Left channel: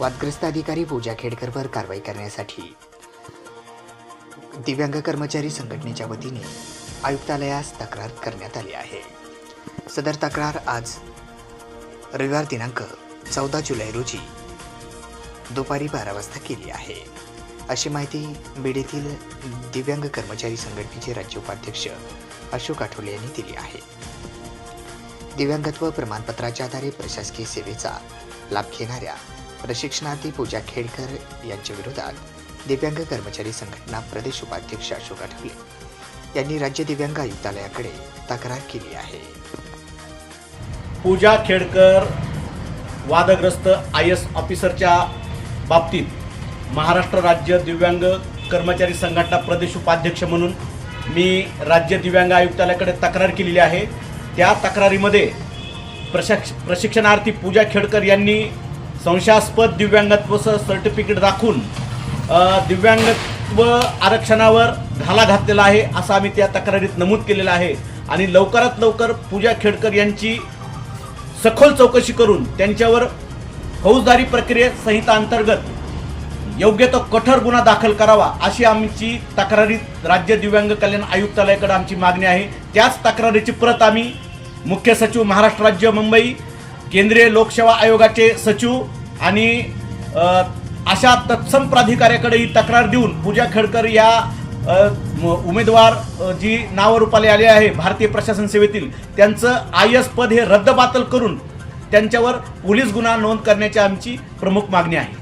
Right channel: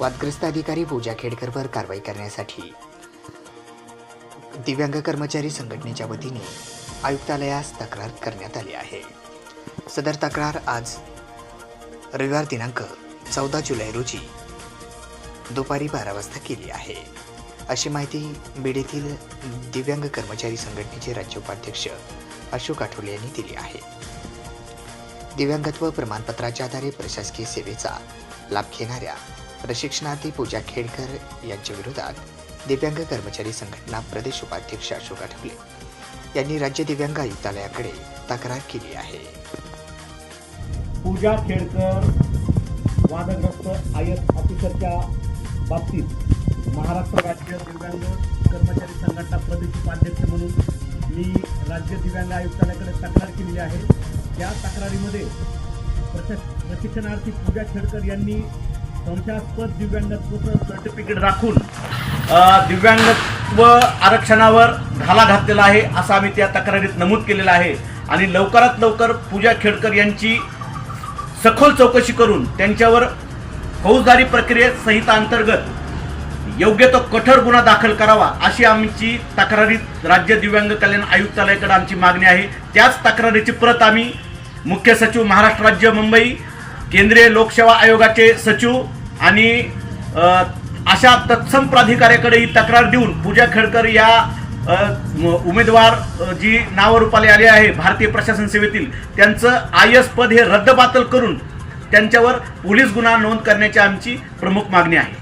वादग्रस्त अधिकारी पूजा खेडकरवर कारवाई करण्यासाठी दिव्यांग कर्मचारी संघटनेच्या वतीने आयुक्तालयास तक्रार करण्यात आली आहे। सदर तक्रार आज रविवार दिनांक 14 जुलै रोजी दुपारी 12 वाजता केली आहे, अशी माहिती बीड येथील दिव्यांग कर्मचारी संघटनेचे राज्य उपाध्यक्ष अशोक आठवले यांनी दिली आहे। दिव्यांगत्व प्रमाणपत्राच्या आधारे प्रशासकीय सेवेचा लाभ घेणाऱ्या प्रशिक्षणार्थी पूजा खेडकर यांच्या विरोधात दिव्यांग कर्मचारी संघटना प्रदेश उपाध्यक्ष अशोक आठवले यांनी राज्य दिव्यांग आयुक्तालयाकडे तक्रार केली आहे। पूजा खेडकर वादग्रस्त IAS ऑफिसरच्या बाबतीत महाराष्ट्र राज्य दिव्यांग कर्मचारी संघटना प्रदेश उपाध्यक्ष म्हणून मी राज्य दिव्यांग आयुक्तालयाकडे तक्रार केलेली आहे। त्या तक्रारीमध्ये प्रशिक्षणार्थी पूजा खेडकर यांनी संशयास्पद दिव्यांगत्वाचं सर्टिफिकेट दाखवून दिव्यांगत्व आरक्षणावर घाला घातलेला आहे असं आम्ही त्या तक्रारीत नमूद केलेलं आहे आणि लवकरात लवकर पूजा खेडकर यांची सखोल चौकशी करून त्यांच्यावर फौजदारी प्रक्रिया अंतर्गत योग्य तो कठोर गुन्हा दाखल करावा अशी आमची तक्रारीत राज्य दिव्यांग कल्याण आयुक्तालयाकडे आमची मागणी आहे। त्याच तक्रारीची प्रत आम्ही मुख्य सचिव महाराष्ट्र राज्य मुंबई, केंद्रीय लोकसेवा आयोगाचे सचिव आणि अशा तत्सम प्राधिकाऱ्याकडे ही तक्रार देऊन पूजा खेडकर या उमेदवार जी नावरूपाला आले आहे भारतीय प्रशासन सेवेतील त्यांचं IAS पद हे रद्दबातल करून त्यांच्यावर पोलीस गुन्हा नोंद करण्याची आमची प्रमुख मागणी आहे।